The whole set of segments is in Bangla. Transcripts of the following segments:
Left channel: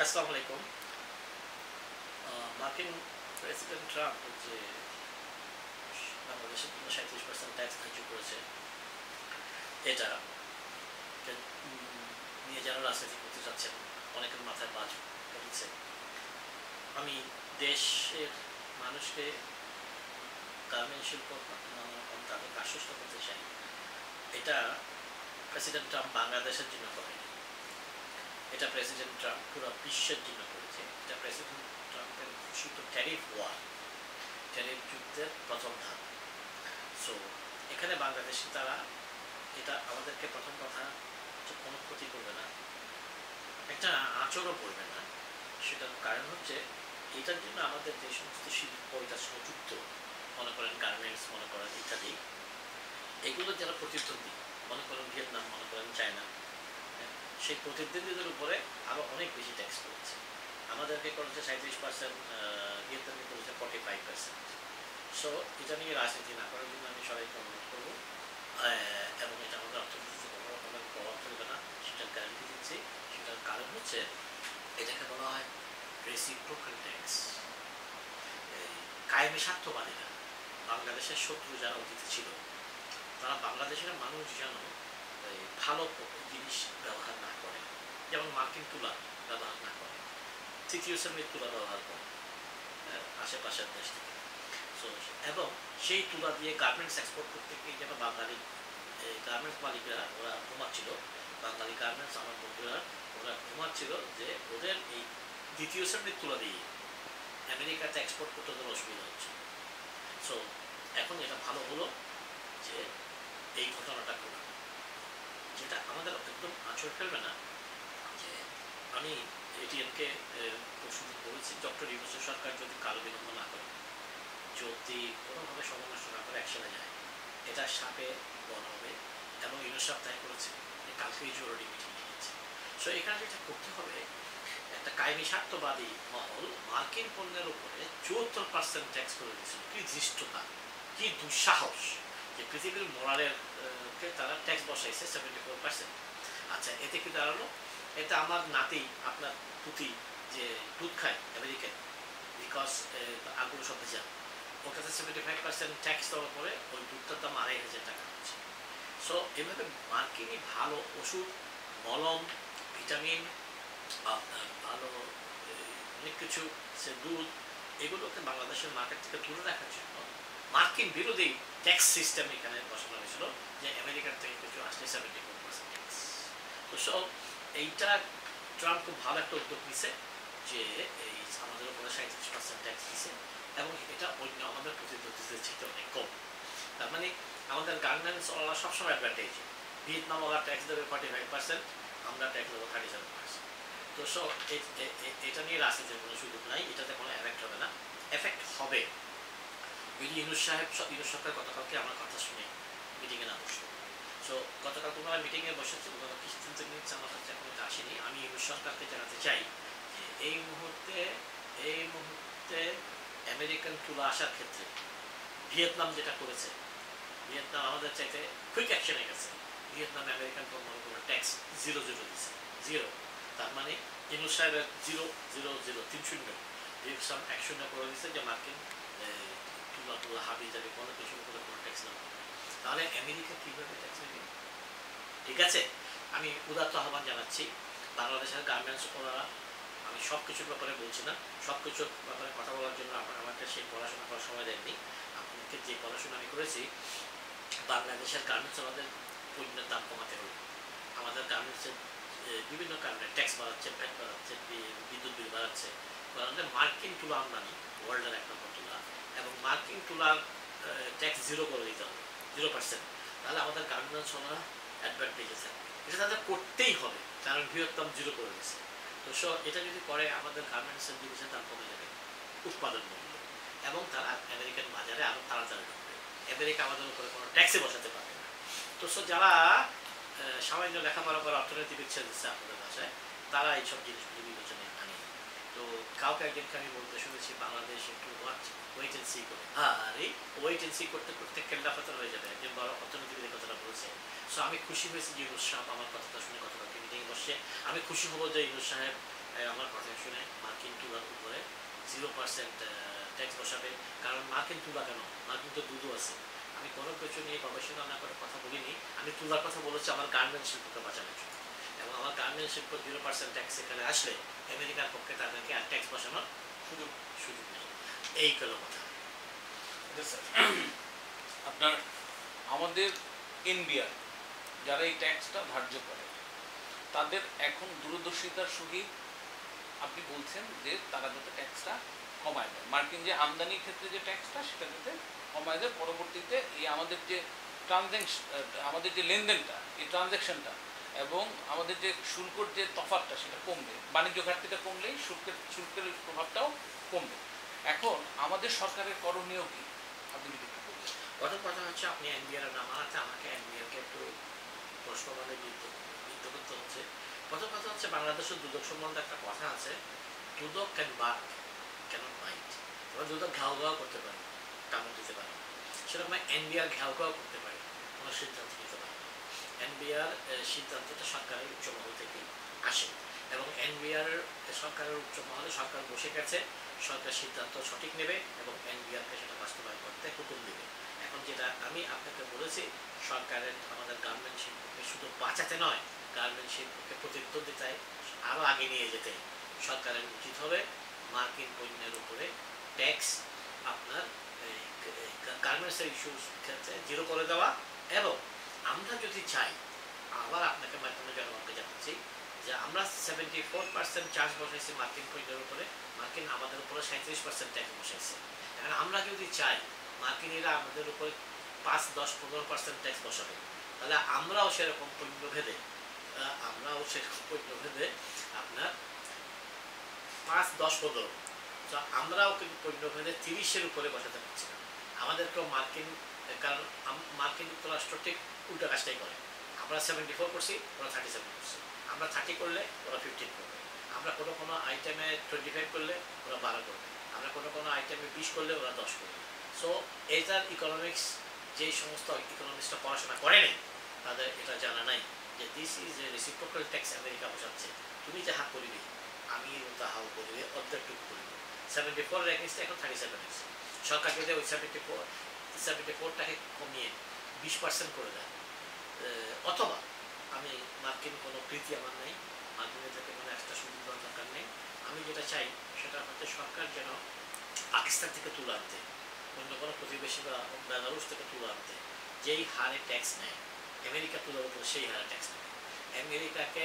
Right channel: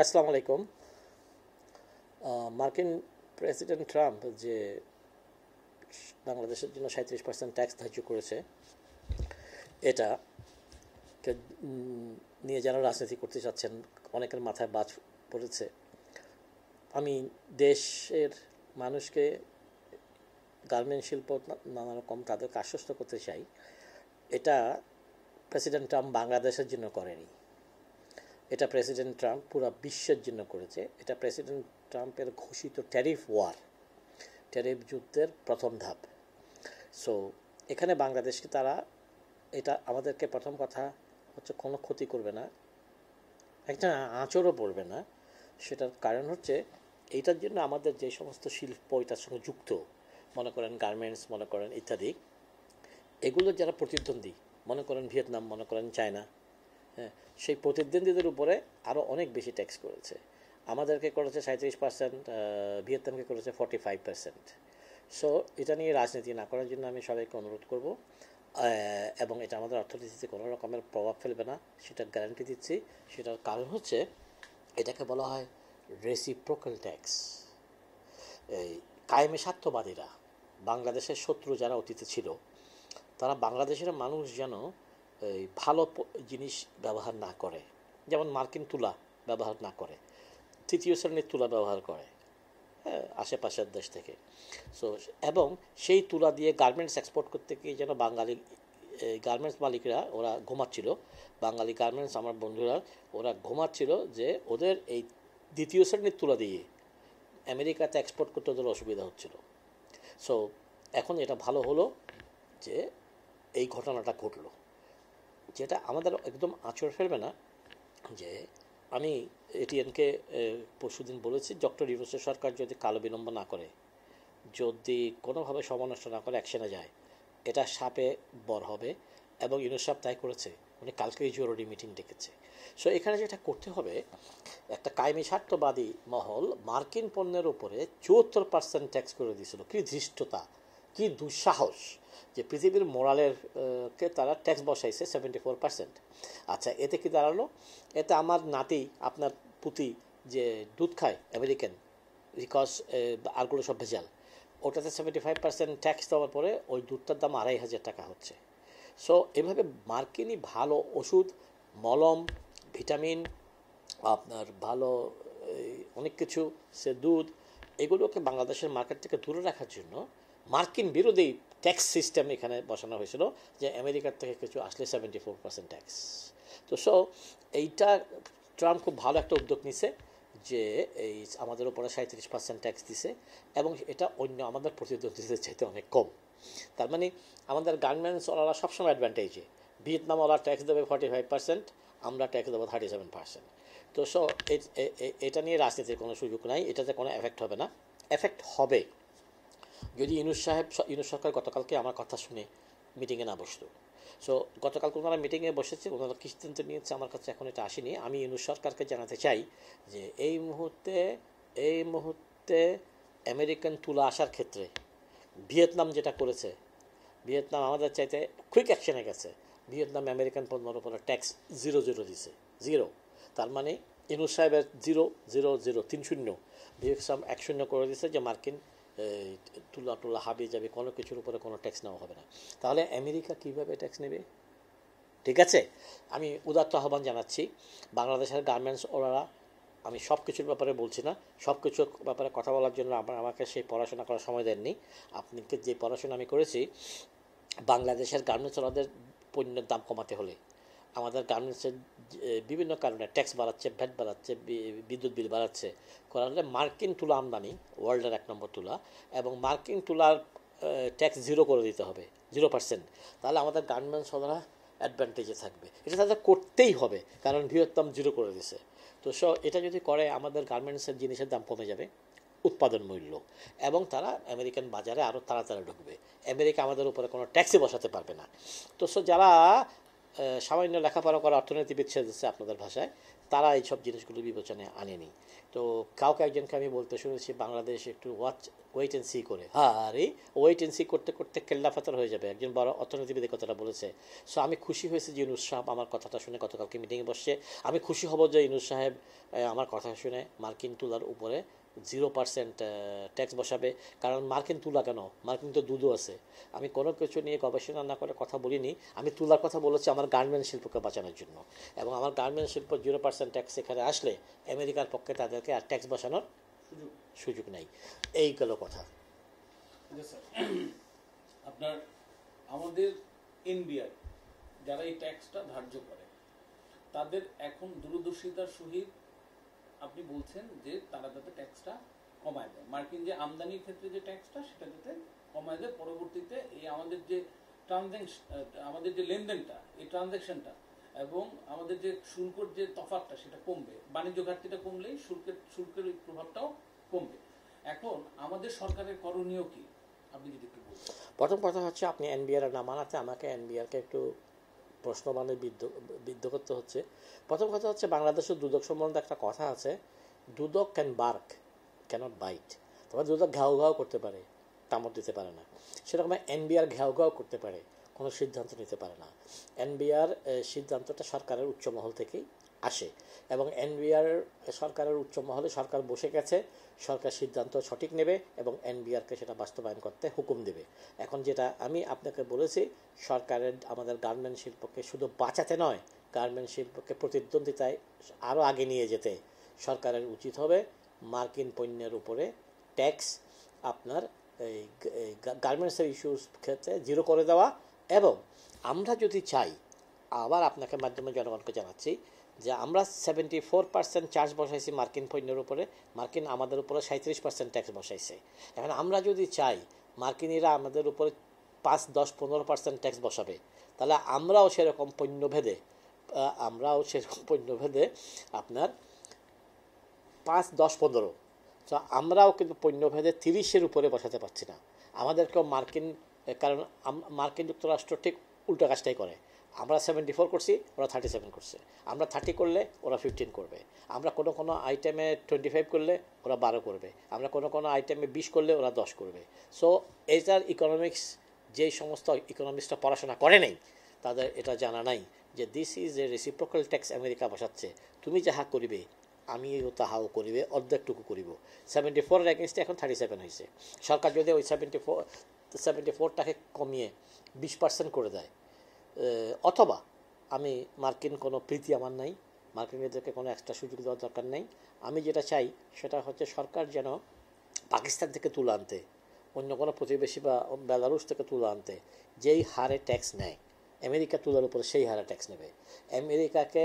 আসসালামু আলাইকুম। মার্কিন প্রেসিডেন্ট ট্রাম্প যে বাংলাদেশের জন্য 37% ট্যাক্স ধার্য করেছে, এটা নিয়ে যারা রাজনীতি করতে চাচ্ছেন অনেকের মাথায় বাজ পড়েছে। আমি দেশের মানুষকে, গার্মেন্ট শিল্প নানা রকম তাদেরকে আশ্বস্ত করতে চাই, এটা প্রেসিডেন্ট ট্রাম্প বাংলাদেশের জন্য করেনি, এটা প্রেসিডেন্ট ট্রাম্প পুরো বিশ্বের জন্য করেছে। এটা প্রেসিডেন্ট ট্রাম্পের ঘোষিত ট্যারিফ ওয়ার, ট্যারিফ যুদ্ধের প্রথম ধাপ। সো এখানে বাংলাদেশে তারা, এটা আমাদেরকে প্রথম কথা হচ্ছে কোনো ক্ষতি করবে না, একটা আঁচড়ও পড়বে না। সেটার কারণ হচ্ছে এইটার জন্য আমাদের যে সমস্ত শিল্প এটার সঙ্গে যুক্ত, মনে করেন গার্মেন্টস, মনে করেন ইত্যাদি, এগুলো যারা প্রতিদ্বন্দ্বী, মনে করেন ভিয়েতনাম, মনে করেন চায়না, হ্যাঁ, সেই প্রতিদ্বন্দ্বীদের উপরে আরও অনেক বেশি ট্যাক্স করেছে। আমাদেরকে করেছে 37%, ভিয়েতনামকে করেছে 45%। সো এটা নিয়ে রাজনীতি না করার জন্য আমি সবাইকে অনুরোধ করব, এবং এটা আমাদের অর্থনীতিতে কোনো রকমের প্রভাব ফেলবে না, সেটার গ্যারান্টি দিচ্ছি। সেটার কারণ হচ্ছে এটাকে বলা হয় রেসিপ্রোকাল ট্যাক্স। এই কায়েমে স্বার্থবাদীরা, বাংলাদেশের শত্রু যারা অতীতে ছিল, তারা বাংলাদেশের মানুষ যেন এই ভালো জিনিস ব্যবহার না করে, যেমন মার্কিন তুলা ব্যবহার না করে, তৃতীয় শ্রেণীর তুলা ব্যবহার করে, আশেপাশের দেশ থেকে। সো এবং সেই তুলা দিয়ে গার্মেন্টস এক্সপোর্ট করতে গিয়ে যেন বাঙালি গার্মেন্টস মালিকরা ওরা ঘুমাচ্ছিল, বাঙালি গার্মেন্টস আমার বন্ধুরা ওরা ঘুমাচ্ছিল যে ওদের এই দ্বিতীয় শ্রেণীর তুলা দিয়ে আমেরিকাতে এক্সপোর্ট করতে ওদের অসুবিধা হচ্ছিল। সো এখন এটা ভালো হলো যে এই ঘটনাটা ঘটলো, যেটা আমাদের একদম আঁচড় ফেলবে না। যে আমি এটিএনকে পরশুদিন বলেছি, ডক্টর ইউনূসের সরকার যদি কালো বিলম্ব না করে, যদি কোনোভাবে সমানষ্ট না করে অ্যাকশনে যায়, এটা সাপে বর হবে। এবং ইউনূস সাহেব তাই করেছে, মানে কালকেই জরুরি মিটিং ডেকেছে। সো এখানে যেটা করতে হবে, একটা কায়েমি স্বার্থবাদী মহল মার্কিন পণ্যের উপরে 74% ট্যাক্স করে দিয়েছিল। কি ধৃষ্টতা, কি দুঃসাহস যে পৃথিবীর মোরালের কে তারা ট্যাক্স বসাইছে 74%। আচ্ছা, এতে কি দাঁড়ালো? এতে আমার নাতি, আপনার পুতি যে দুধ খায় আমেরিকান, বিকজ আরগুলো সব ভেজাল, ওটাতে 75% ট্যাক্স দেওয়ার পরে ওই দুধটার দাম 2,500 টাকা হচ্ছে। সো এভাবে মার্কিনই ভালো ওষুধ, মলম, ভিটামিন, আপনার ভালো অনেক কিছু, সে দুধ, এগুলোকে বাংলাদেশের মার্কেট থেকে দূরে রাখার জন্য মার্কিন বিরোধী ট্যাক্স সিস্টেম এখানে বসানো হয়েছিল, যে আমেরিকার থেকে কিছু আসলে 74% ট্যাক্স। তো সো এইটা ট্রাম্প খুব ভালো একটা উদ্যোগ নিছে, যে এই আমাদের উপরে 37% ট্যাক্স দিছে, এবং এটা অন্য আমাদের প্রতিদ্বন্দ্বীদের চাইতে অনেক কম। তার মানে আমাদের গার্মেন্টস ওরা সবসময় অ্যাডভান্টেজে, ভিয়েতনাম ওরা ট্যাক্স দেবে 45%, আমরা ট্যাক্স দেবো 37%। তো সো এটা নিয়ে রাজনীতির কোনো সুযোগ নাই, এটাতে কোনো এফেক্ট হবে না। এফেক্ট হবে যদি ইউনূস সরকার গতকালকে আমার কথা শুনে মিটিংয়ে না বসতো। সো গতকালকে ওনারা মিটিংয়ে বসেছে, ওনারা কি সিদ্ধান্ত নিয়েছে আমার কাছে এখন এটা আসেনি। আমি ইউনূস সরকারকে জানাতে চাই যে এই মুহূর্তে আমেরিকান তুলা আসার ক্ষেত্রে ভিয়েতনাম যেটা করেছে, ভিয়েতনাম আমাদের চাইতে কুইক অ্যাকশনে গেছে। ভিয়েতনাম আমেরিকান পণ্যের উপর ট্যাক্স 0 দিছে, 0। তার মানে ইউনূস সাহেবের 0 0 0 3 শূন্য, ভিয়েতনাম 1 শূন্য করে দিছে, যে মার্কিন তুলা টুলা হাবি যাবে কোনো কিছুর উপরে কোনো ট্যাক্স নেওয়া হবে না। তাহলে আমেরিকা কীভাবে ট্যাক্স নেবে? ঠিক আছে, আমি উদাত্ত আহ্বান জানাচ্ছি বাংলাদেশের গার্মেন্টস ওরা, আমি সব কিছুর ব্যাপারে বলছি না, সব কিছুর ব্যাপারে কথা বলার জন্য আমাকে সেই পড়াশোনা করার সময় দেননি। আপনাকে যে পড়াশোনা আমি করেছি, বাংলাদেশের গার্মেন্টস ওদের পণ্যের দাম কমাতে হলে, আমাদের গার্মেন্টসের বিভিন্ন কারণে ট্যাক্স বাড়াচ্ছে, ভ্যাট বাড়াচ্ছে, বিদ্যুৎ বিল বাড়াচ্ছে, কারণে মার্কিন তুলা আমদানি ওয়ার্ল্ডের 1 নম্বর তুলা, এবং মার্কিন তুলার ট্যাক্স 0 করে দিতে হবে, 0%। তাহলে আমাদের গার্মেন্টস ওরা অ্যাডভান্টেজে থাকবে, এটা তাদের করতেই হবে, কারণ ভিয়েতনাম 0 করে দিছে। তো এটা যদি করে আমাদের গার্মেন্টসের জিনিসের দাম কমে যাবে, উৎপাদন মূল্য, এবং তারা আমেরিকান বাজারে আরও তাড়াতাড়ি ঢুকবে। আমেরিকা আমাদের উপরে কোনো ট্যাক্সই বসাতে পারবে না। তো যারা সামান্য লেখাপড়া করা অর্থনীতিবিদ দিচ্ছে আপনাদের ভাষায়, তারা এইসব জিনিসগুলি বিবেচনায় আনেনি। তো কাউকে একজনকে আমি বলতে শুনেছি, বাংলাদেশ একটু ওয়াচ ওয়েট অ্যান্ড সি করে, আরে ওয়েট অ্যান্ড সি করতে করতে কেল্লা ফাতার হয়ে যাবে, একজন বড় অর্থনীতিবিদ কথাটা বলেছে। সো আমি খুশি হয়েছি যে ইউনুস সাহেব আমার কথাটা শুনে গতকালকে মিটিংয়ে বসছে। আমি খুশি হব যে ইউনুস সাহেব আমার কথা শুনে মার্কিন তুলার উপরে 0% ট্যাক্স বসাবে। কারণ মার্কিন তুলা কেন, মার্কিন তো দুধও আছে। আমি কোনো কিছু নিয়ে গবেষণা না করে কথা বলিনি, আমি তুলার কথা বলেছি আমার গার্মেন্ট শিল্পকে বাঁচানোর জন্য। এবং আমার গার্মেন্ট শিল্প 0% ট্যাক্স এখানে আসলে আমেরিকার পক্ষে তাদেরকে আর ট্যাক্স বসানোর সুযোগ নেই। এই গেল কথা। আপনার আমাদের এনবিআর যারা এই ট্যাক্সটা ধার্য করে তাদের এখন দূরদর্শিতার সহিত আপনি বলছেন যে তারা যাতে ট্যাক্সটা কমায় দেয়, মার্কিন যে আমদানির ক্ষেত্রে যে ট্যাক্সটা সেটা যাতে কমায় দেয়, পরবর্তীতে এই আমাদের যে আমাদের যে লেনদেনটা, এই ট্রানজ্যাকশনটা এবং আমাদের যে শুল্কর যে তফাৎটা সেটা কমবে, বাণিজ্য ঘাটতিটা কমলেই শুল্কের প্রভাবটাও কমবে। এখন আমাদের সরকারের করণীয় কি আপনি যদি একটু বলতেন। প্রথম কথা হচ্ছে আপনি এনবিআর না মানাতে আমাকে এনবিআরকে একটু প্রশ্নবাণে বিদ্ধ করতে হচ্ছে। প্রথম কথা হচ্ছে বাংলাদেশের দুদক সম্বন্ধে একটা কথা আছে, দুদক ক্যান বার্ক ক্যানট বাইট। এবার দুদক ঘাউ ঘাউ করতে পারে, কামড় দিতে পারে না। সেরকম এনবিআর ঘাউ ঘাউ করতে পারে, কোনো সিদ্ধান্ত নিতে পারে না। এনবিআর সিদ্ধান্তটা সরকারের উচ্চ মহল থেকেই আসে এবং এনবিআর সরকারের উচ্চ মহলে সরকার বসে গেছে, সরকার সিদ্ধান্ত সঠিক নেবে এবং এনবিআরকে সেটা বাস্তবায়ন করতে হুকুম দেবে। এখন যেটা আমি আপনাকে বলেছি, সরকারের আমাদের গার্মেন্ট শিল্পকে শুধু বাঁচাতে নয়, গার্মেন্ট শিল্পকে প্রতিদ্বন্দ্বিতায় আরও আগে নিয়ে যেতে সরকারের উচিত হবে মার্কিন পণ্যের উপরে ট্যাক্স আপনার এই গার্মেন্টসের ইস্যুস ক্ষেত্রে 0 করে দেওয়া। এবং আমরা যদি চাই, আবার আপনাকে মাধ্যমে জনগণকে জানাচ্ছি যে আমরা 74% চার্জ বসাইছি মার্কিন পণ্যের উপরে, মার্কিন আমাদের উপরে 37% ট্যাক্স বসাইছে। এখন আমরা যদি চাই মার্কিনিরা আমাদের উপরে 5, 10, 15% ট্যাক্স বসাবে, তাহলে আমরাও সেরকম পণ্যভেদে আপনার 5, 10, 15, তো আমরাও কিন্তু পণ্যভেদে 30-এর উপরে বসাতে পারছি না। আমাদেরকেও কারণ মার্কিন যুক্তরাষ্ট্র ঠিক উল্টা কাজটাই করে। আমরা 74 করছি, ওরা 37 করছে। আমরা 30 করলে ওরা 15 করবে। আমরা কোনো আইটেমে 25 করলে ওরা 12 করবে। আমরা কোনো আইটেমে 20 করলে ওরা 10 করবে। সো এইটার ইকোনমিক্স যেই সমস্ত ইকোনমিক্সটা পড়াশোনা করে নেই তাদের এটা জানা নাই যে this is a reciprocal tax America বসাচ্ছে, তুমি যাহা করিবে আমিও তাহাও করিবে, অর্ধেকটুকু করিব। 74-এর এগেনস্টে এখন 37 হয়েছে। সরকার যদি ওই 74টাকে কমিয়ে 20% করে দেয়, অথবা আমি মার্কিন কোনো প্রীতি আমার নাই, মার্কিনদেরকে কোনো এক্সট্রা সুযোগ দেওয়ার দরকার নেই। আমি যেটা চাই সেটা হচ্ছে সরকার যেন পাকিস্তান থেকে তুলে আনতে, অন্য কোনো প্রতিবেশী বা বেলারুশ থেকে তুলে আনতে যেই হারে ট্যাক্স নেয় আমেরিকা তুলার উপরে সেই হারে ট্যাক্স নেবে। আমেরিকাকে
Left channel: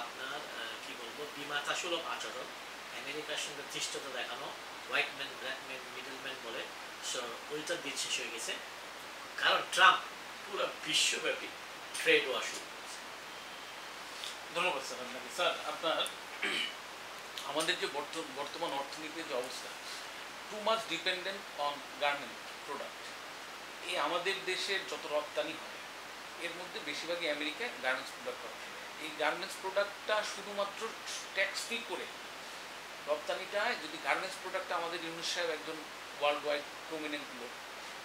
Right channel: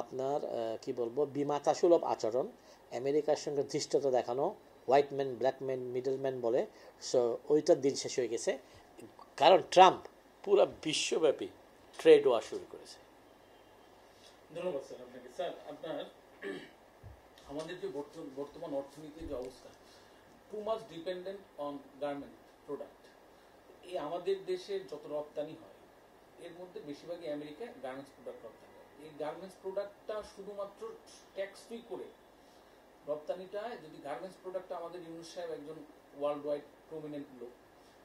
আপনার কি বলবো, বিমাতাসুলভ আচরণ, আমেরিকার সঙ্গে ধৃষ্টতা দেখানো, white man black man middle man বলে, সো ওইটার দিন শেষ হয়ে গেছে। কারণ ট্রাম্প পুরো বিশ্বব্যাপী ট্রেড ওয়ার শুরু করেছে। ধন্যবাদ স্যার আপনাকে। স্যার আপনার আমাদের যে বর্তমান অর্থনীতির যে অবস্থা, too much dependent on garment product. এই আমাদের দেশের যত রপ্তানি হয় এর মধ্যে বেশিরভাগই আমেরিকায় গার্মেন্টস প্রোডাক্ট রপ্তানি হয়। এই গার্মেন্টস প্রোডাক্টটা শুধুমাত্র ট্যাক্স ফ্রি করে রপ্তানিটা, যদি গার্মেন্টস প্রোডাক্টটা আমাদের ইউনুস সাহেব একজন ওয়ার্ল্ড ওয়াইড প্রমিনেন্ট লোক,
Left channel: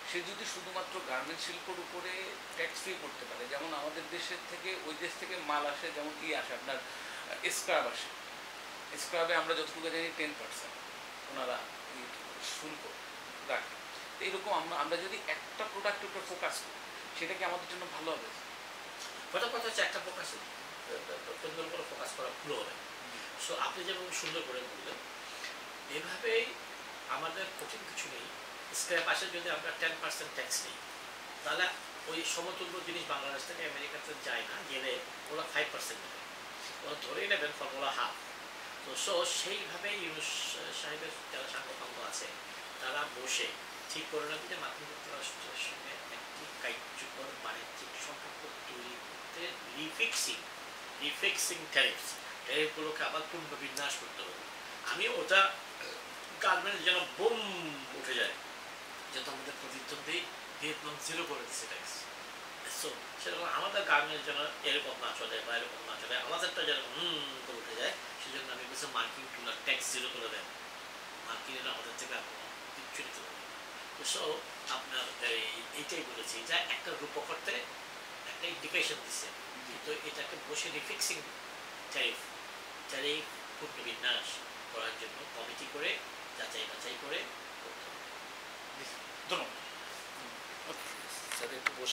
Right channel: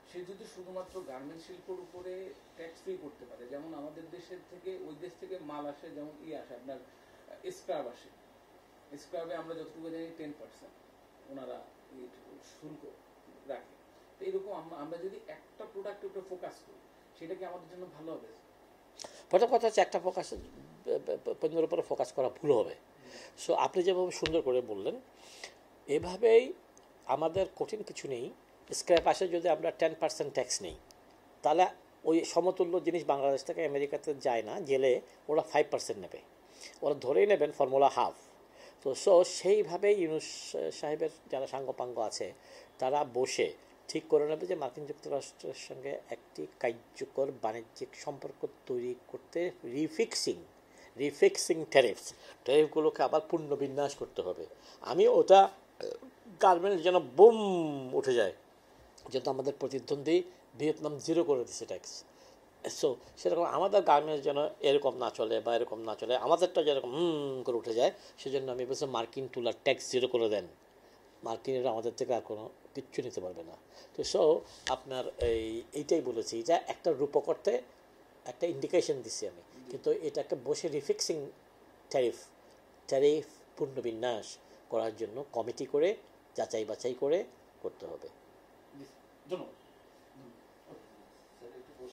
সে যদি শুধুমাত্র গার্মেন্টস শিল্পর উপরে ট্যাক্স ফ্রি করতে পারে, যেমন আমাদের দেশের থেকে ওই দেশ থেকে মাল আসে, যেমন আসে আপনার স্ক্রাব আসে, স্ক্রাবে আমরা যতটুকু জানি 10% ওনারা শুল্ক রাখে। এইরকম আমরা যদি একটা প্রোডাক্টের উপরে ফোকাস করি সেটা কি আমাদের জন্য ভালো হবে? প্রথম কথা হচ্ছে একটা পণ্যের উপরে ফোকাস করা ভুল হবে। সো আপনি যেভাবে সুন্দর করে বললেন, এভাবেই আমাদের কঠিন কিছু নেই। স্ক্র্যাপ আসে যদি আমরা 10% ট্যাক্স নিই, তাহলে ওই সমতুল্য জিনিস বাংলাদেশ থেকে আমেরিকাতে যায় না, গেলে ওরা 5% নেবে, ওরা ধরেই নেবেন ফর্মুলা হাফ। তো সেইভাবেই ইউনুস সাহেবের যারা সাঙ্গপাঙ্গ আছে তারা বসে ঠিক করে নেবে যে মার্কিন যুক্তরাষ্ট্রের সঙ্গে একটি কার্যকর বাণিজ্যিক সম্পর্ক তৈরি করতে রিফিক্সিং ট্যারিফগুলোকে আবার পুনর্বিন্যাস করতে হবে। আমি ওটা গার্মেন্টস যেন বুম উঠে যায়, যেহেতু আমাদের প্রতিদ্বন্দ্বী ভিয়েতনাম 0 করে দিচ্ছে ট্যাক্স। সো সেরকম আমাদের গার্মেন্টস যেন এরকম না চলে বা এরকম না চলে, আমাদেরটা যেরকম করে উঠে যায়, সেজন্য আমি বলছি মার্কিন তুলার ট্যাক্স 0 করে দেন। মার্কিনিরা আমাদের থেকে আর কোনো কিচ্ছু নিতে পারবে না। তো সো আপনার এইটাই বলেছি যে একটা রূপকর্তে একটা ইন্ডিকেশন দিচ্ছি আমি, কিন্তু এটাকে বসে রিফিক্সিং ট্যারিফ পুনর্বিন্যাস করার জন্য কমিটি করে যাচাই বাছাই করে করতে হবে।